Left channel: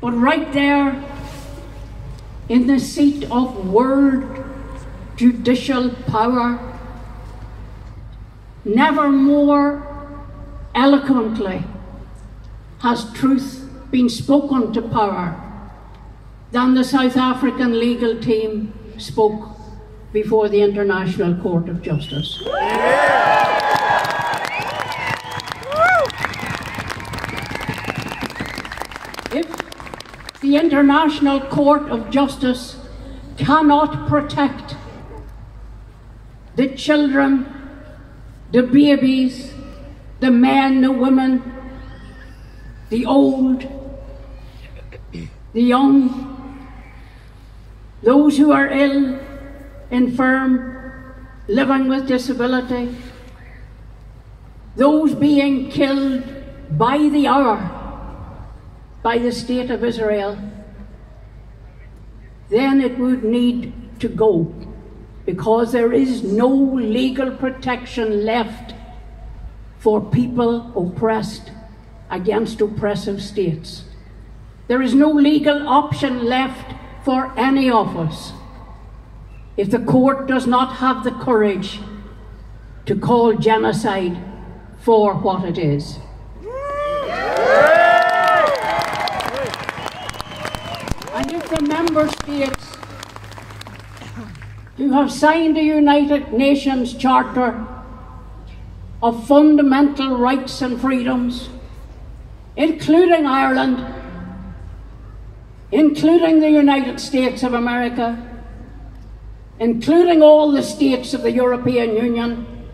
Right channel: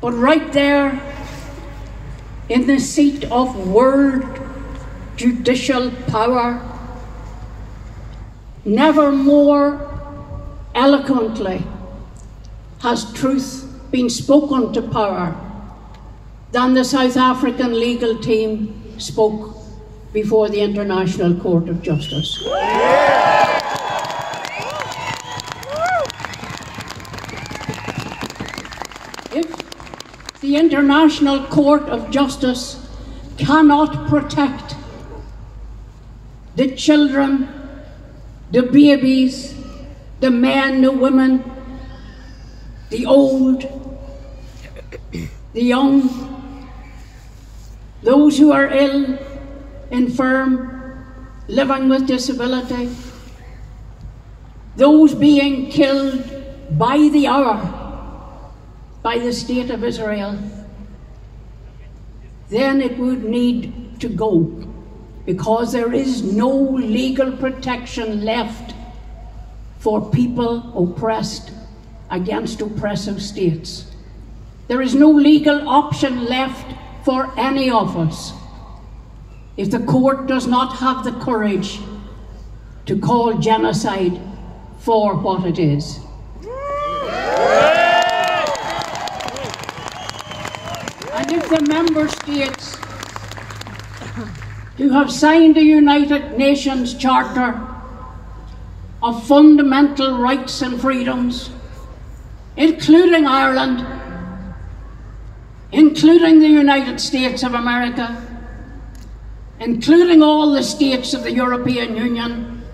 But right there in the seat of world judicial power, never more eloquently has truth been spoken to power than the South African legal team spoke before the International Court of Justice. If the International Court of Justice cannot protect the children, the babies, the men, the women, the old, the young, those who are ill, infirm, living with disability, those being killed by the hour by the State of Israel, then it would need to go, because there is no legal protection left for people oppressed against oppressive states. There is no legal option left for any of us if the court does not have the courage to call genocide for what it is. And if the member states who have signed the United Nations Charter of Fundamental Rights and Freedoms, including Ireland, including the United States of America, including all the states of the European Union,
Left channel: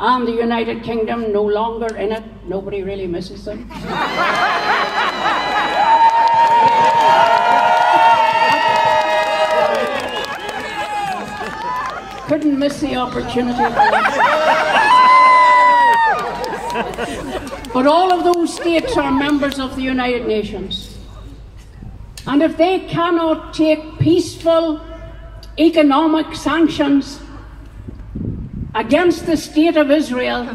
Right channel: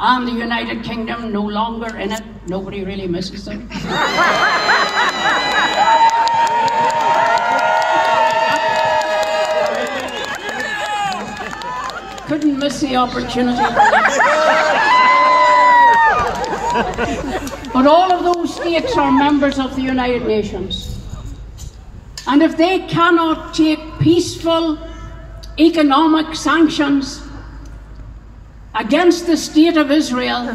and the United Kingdom, no longer in it, nobody really misses them. Couldn't miss the opportunity. But all of those states are members of the United Nations. And if they cannot take peaceful economic sanctions against the State of Israel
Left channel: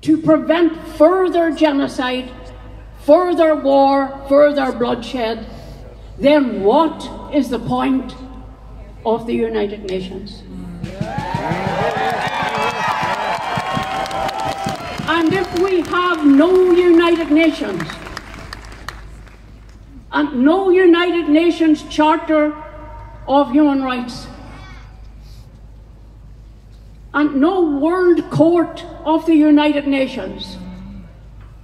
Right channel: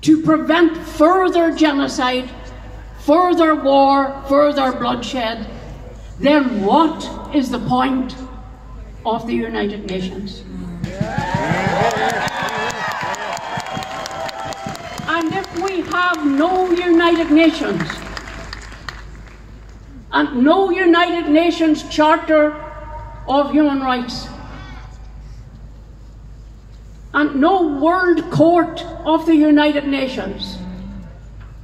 to prevent further genocide, further war, further bloodshed, then what is the point of the United Nations? And if we have no United Nations, and no United Nations Charter of Human Rights, and no World Court of the United Nations,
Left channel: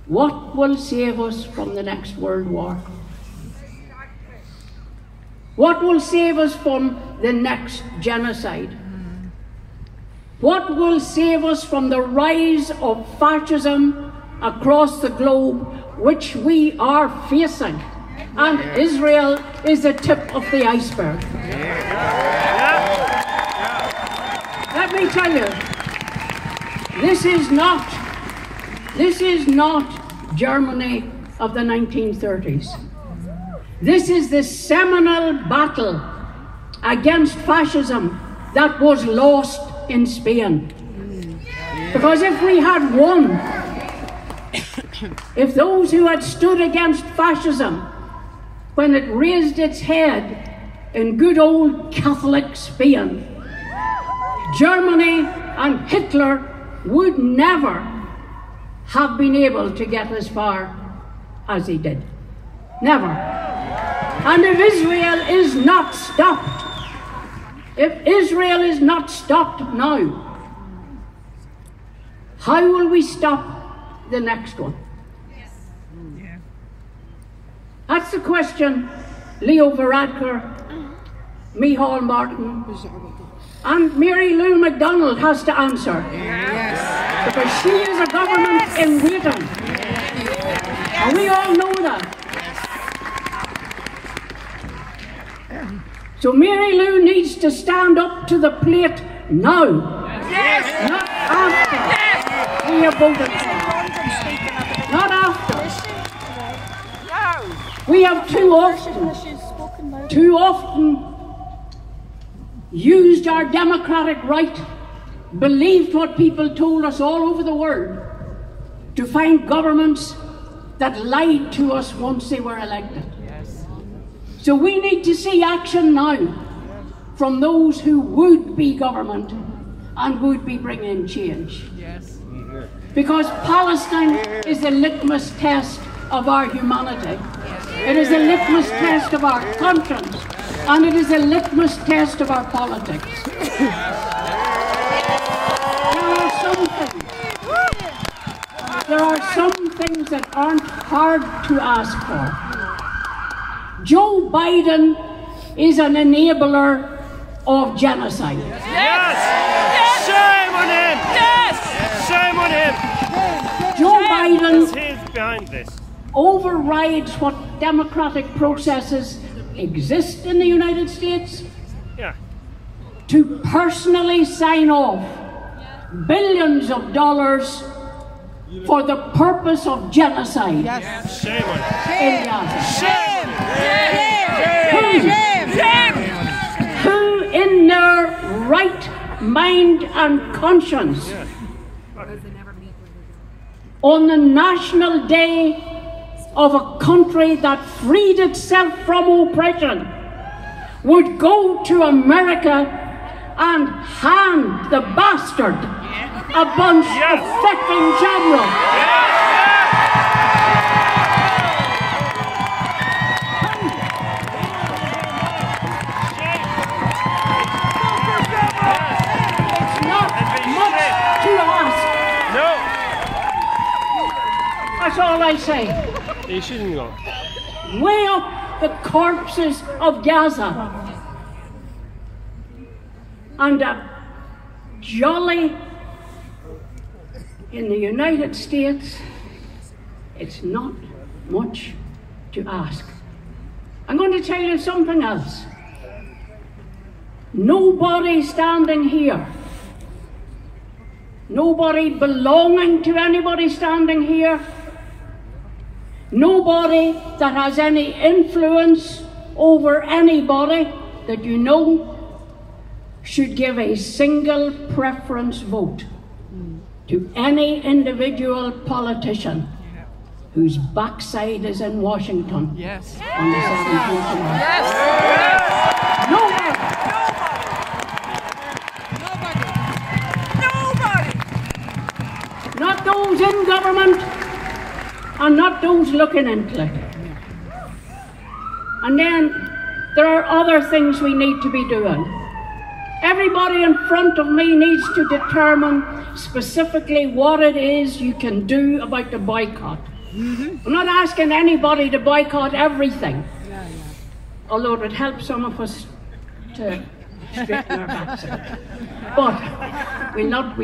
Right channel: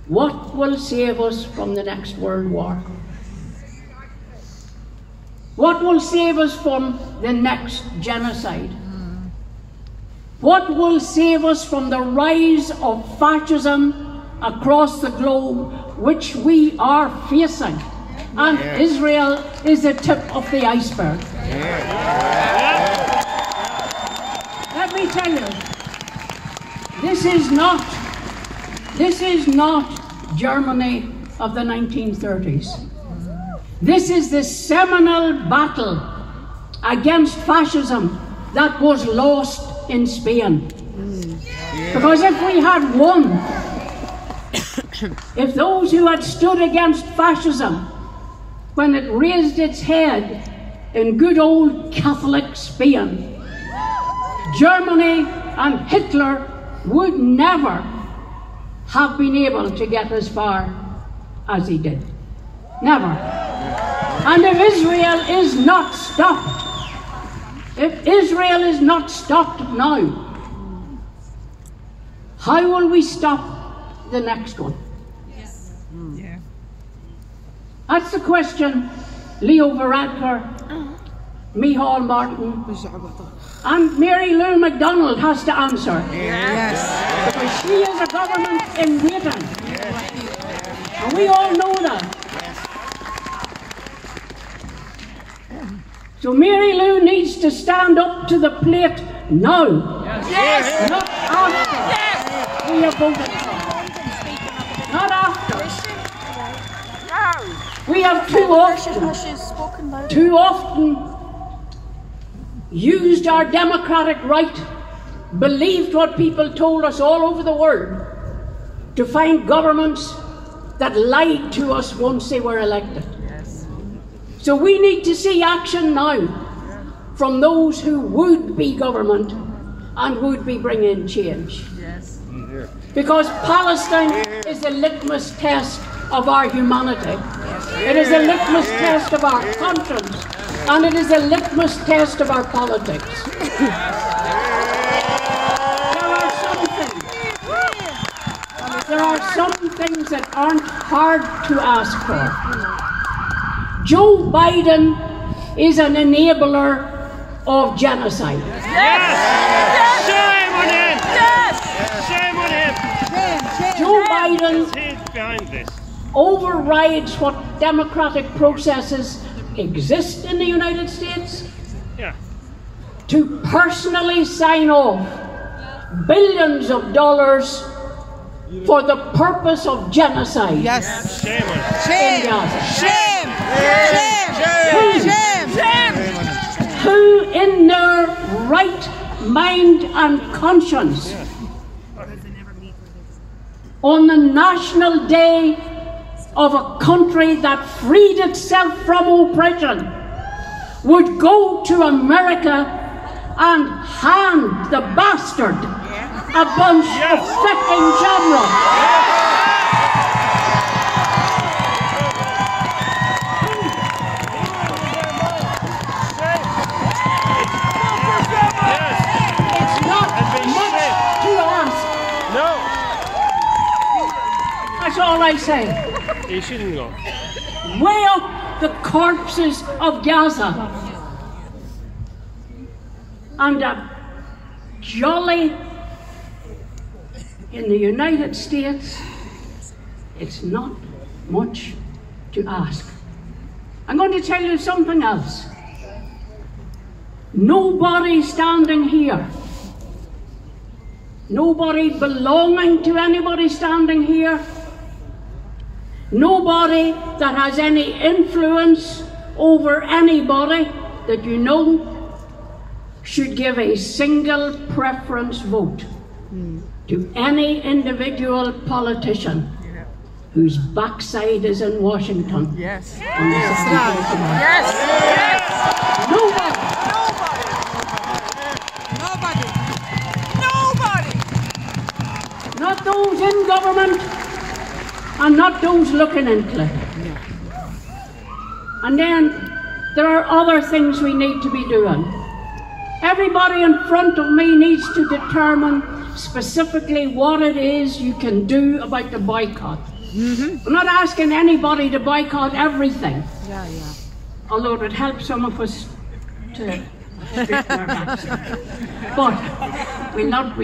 what will save us from the next World War? What will save us from the next genocide? What will save us from the rise of fascism across the globe, which we are facing? And Israel is the tip of the iceberg. Let me tell you, this is not Germany of the 1930s. This is the seminal battle against fascism that was lost in Spain. Because if we had won, if those who had stood against fascism when it raised its head in good old Catholic Spain, Germany and Hitler would never have been able to get as far as he did. Never. And if Israel is not stopped, if Israel is not stopped now, how will we stop the next one? That's the question Leo Varadkar, Micheál Martin, and Mary Lou MacDonald has to answer. Because she is a government in waiting. And we all know that. So Mary Lou needs to stand up to the plate now, not after we have voted. Not after. We have too often used our democratic right, believed what people told us all over the world, to find governments that lied to us once they were elected. So we need to see action now from those who would be government and would be bringing change. Because Palestine is a litmus test of our humanity. It is a litmus test of our conscience, and it is a litmus test of our politics. There are some things that aren't hard to ask for. Joe Biden is an enabler of genocide. Yes! Shame on him! Yes! Shame on him! Joe Biden He's behind this. overrides what democratic processes exist in the United States to personally sign off billions of dollars for the purpose of genocide. Yes. Shame on him. Shame. Shame. Shame. Who in their right mind and conscience on the national day of a country that freed itself from oppression would go to America and hand the bastard a bunch of fecking generals. That's all I say. He shouldn't go. Weigh up the corpses of Gaza and a jolly in the United States. It's not much to ask. I'm going to tell you something else. Nobody standing here, nobody belonging to anybody standing here, nobody that has any influence over anybody that you know should give a single preference vote to any individual politician whose backside is in Washington. Yes. Yes. Nobody. Not those in government and not those looking into it. And then there are other things we need to be doing. Everybody in front of me needs to determine specifically what it is you can do about the boycott. I'm not asking anybody to boycott everything, although it would help some of us to straighten our backs. But we're not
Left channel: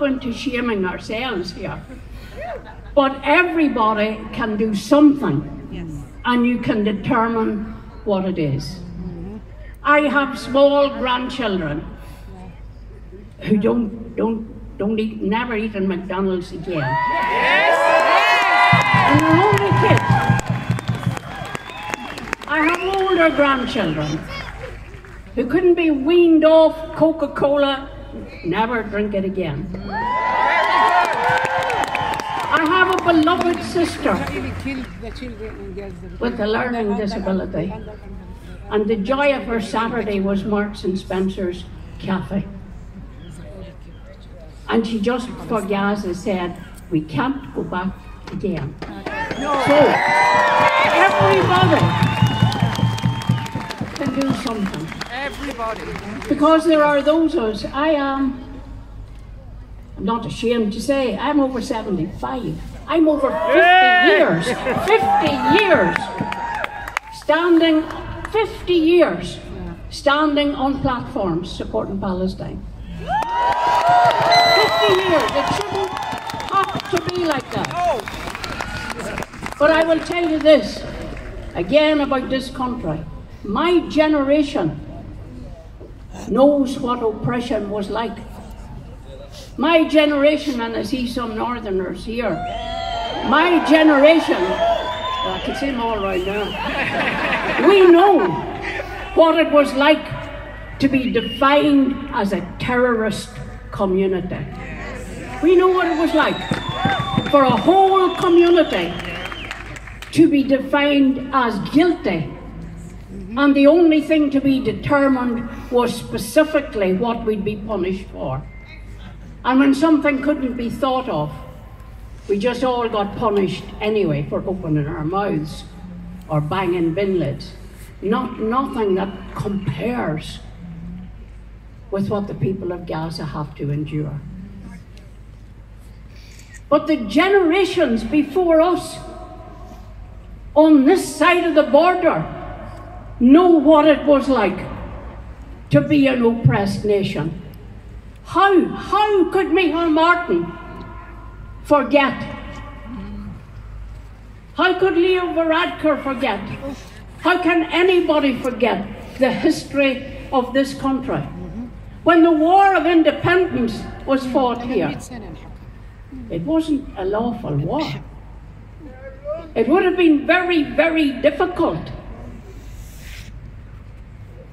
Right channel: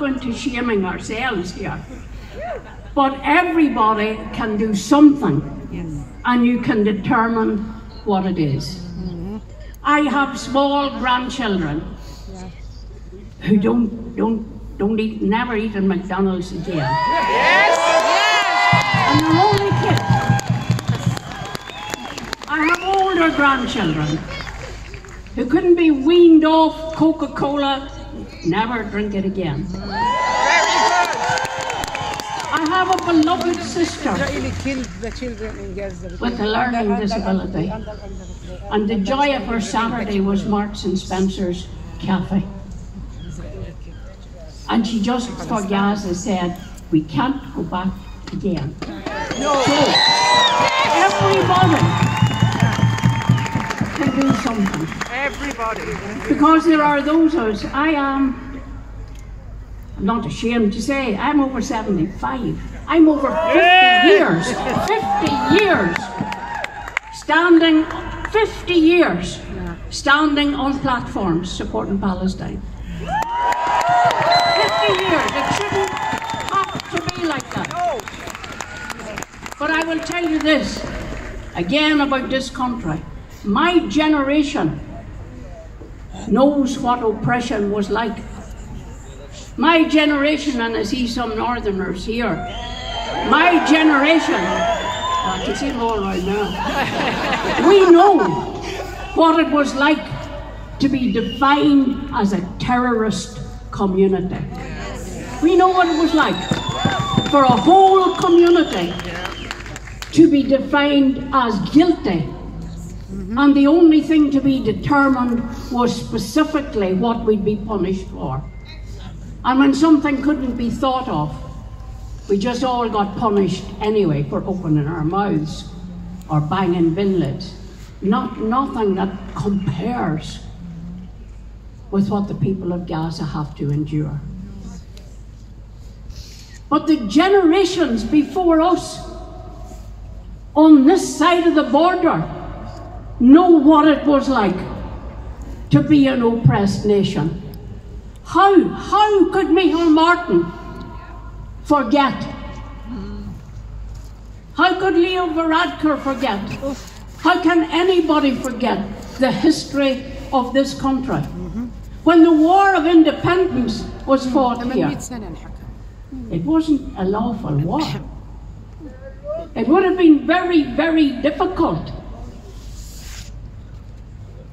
going to shaming ourselves here. But everybody can do something, and you can determine what it is. I have small grandchildren who never eat in McDonald's again. And they're only kids. I have older grandchildren who couldn't be weaned off Coca-Cola, never drink it again. I have a beloved sister with a learning disability, and the joy of her Saturday was Marks and Spencer's cafe. And she just for Gaza said, we can't go back again. No. So, everybody can do something. Everybody. Because there are those of us, I'm not ashamed to say, I'm over 75. I'm over 50 years. 50 years. Standing, 50 years, standing on platforms supporting Palestine. 50 years. It shouldn't have to be like that. No. But I will tell you this, again about this country. My generation knows what oppression was like. My generation, and I see some northerners here, my generation, I can see them all right now, we know what it was like to be defined as a terrorist community. We know what it was like for a whole community to be defined as guilty. And the only thing to be determined was specifically what we'd be punished for. And when something couldn't be thought of, we just all got punished anyway for opening our mouths or banging bin lids. Nothing that compares with what the people of Gaza have to endure. But the generations before us on this side of the border know what it was like to be an oppressed nation. How could Micheál Martin forget? How could Leo Varadkar forget? How can anybody forget the history of this country? When the War of Independence was fought here, it wasn't a lawful war. It would have been very, very difficult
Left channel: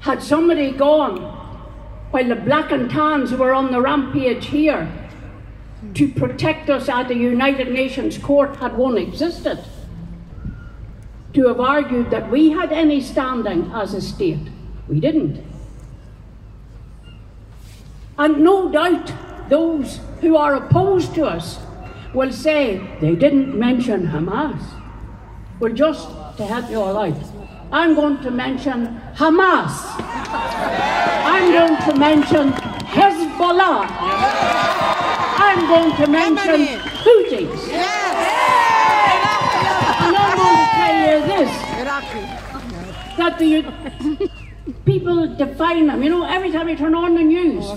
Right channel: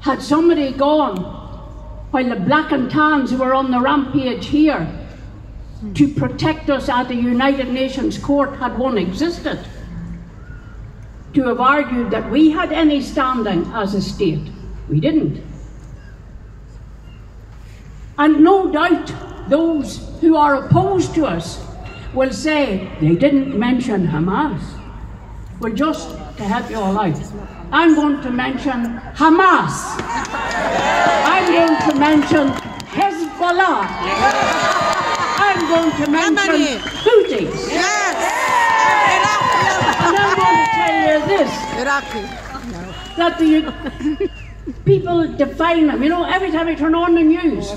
had somebody gone while the black and tans who were on the rampage here to protect us at the United Nations Court, had one existed, to have argued that we had any standing as a state. We didn't. And no doubt those who are opposed to us will say they didn't mention Hamas. Well, just to help you all out, I'm going to mention Hamas. I'm going to mention Hezbollah. I'm going to mention Houthis. And I'm going to tell you this, that the people define them. You know, every time we turn on the news,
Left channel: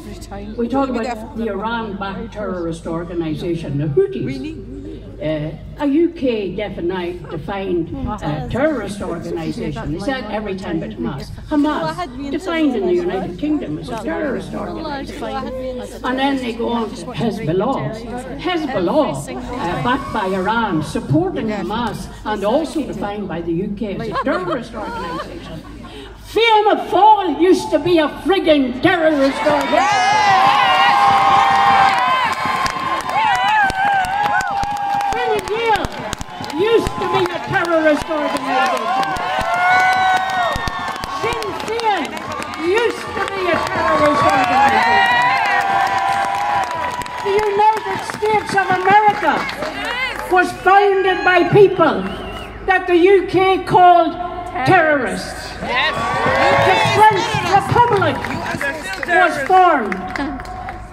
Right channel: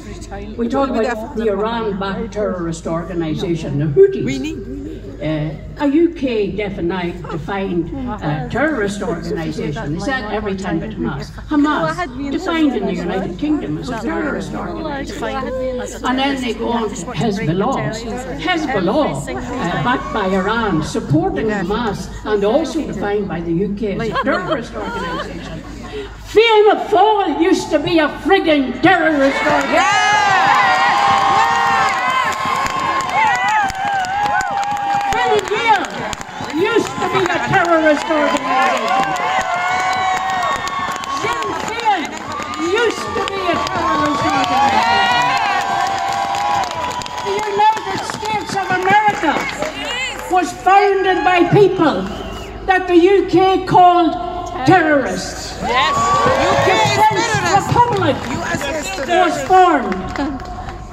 we talk about the Iran-backed terrorist organisation, the Houthis. A UK defined terrorist organisation. They said every time it Hamas. Hamas, defined in the United Kingdom as a terrorist organisation. And then they go on to Hezbollah. Hezbollah, backed by Iran, supporting Hamas, and also defined by the UK as a terrorist organisation. Fianna Fáil used to be a frigging terrorist organisation. Used to be a terrorist organisation. Sinn Féin used to be a terrorist organisation. The United States of America was founded by people that the UK called terrorists. The French Republic was formed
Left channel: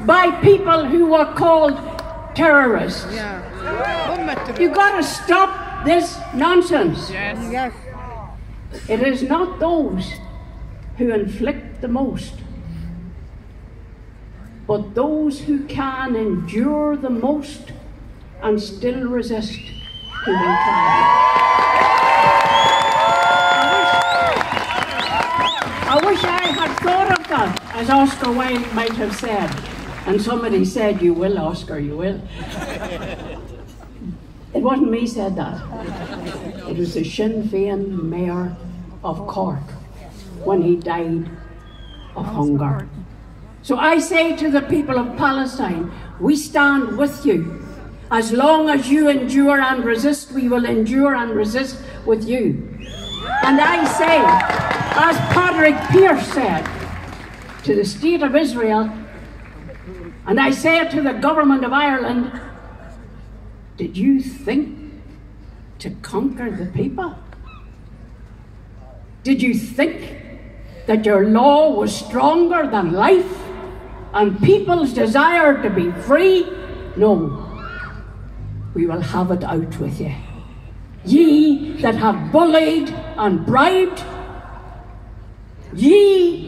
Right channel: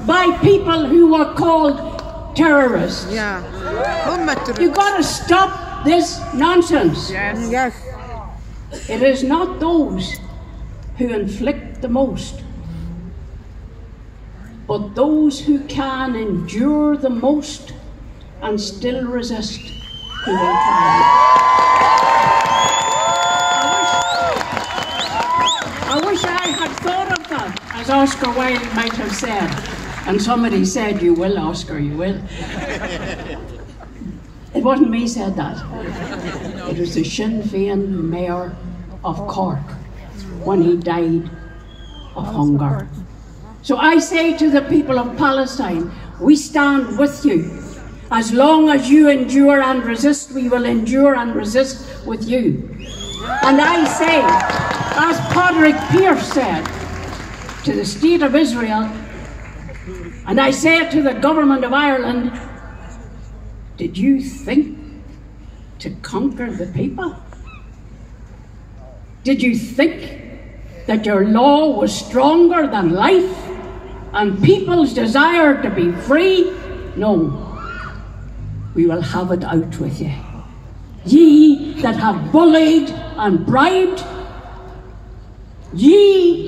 by people who were called terrorists. You've got to stop this nonsense. Yes. It is not those who inflict the most, but those who can endure the most and still resist who will triumph. I wish I had thought of that, as Oscar Wilde might have said. And somebody said, "You will, Oscar, you will." It wasn't me said that. It was the Sinn Féin mayor of Cork when he died of hunger. So I say to the people of Palestine, we stand with you. As long as you endure and resist, we will endure and resist with you. And I say, as Padraig Pearse said to the State of Israel, and I say it to the government of Ireland, did you think to conquer the people? Did you think that your law was stronger than life and people's desire to be free? No. We will have it out with you. Ye that have bullied and bribed, ye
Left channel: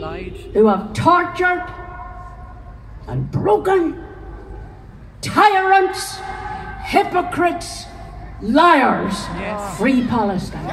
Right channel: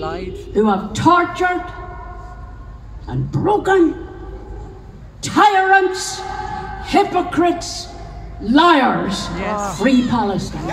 who have tortured and broken, tyrants, hypocrites, liars, free Palestine.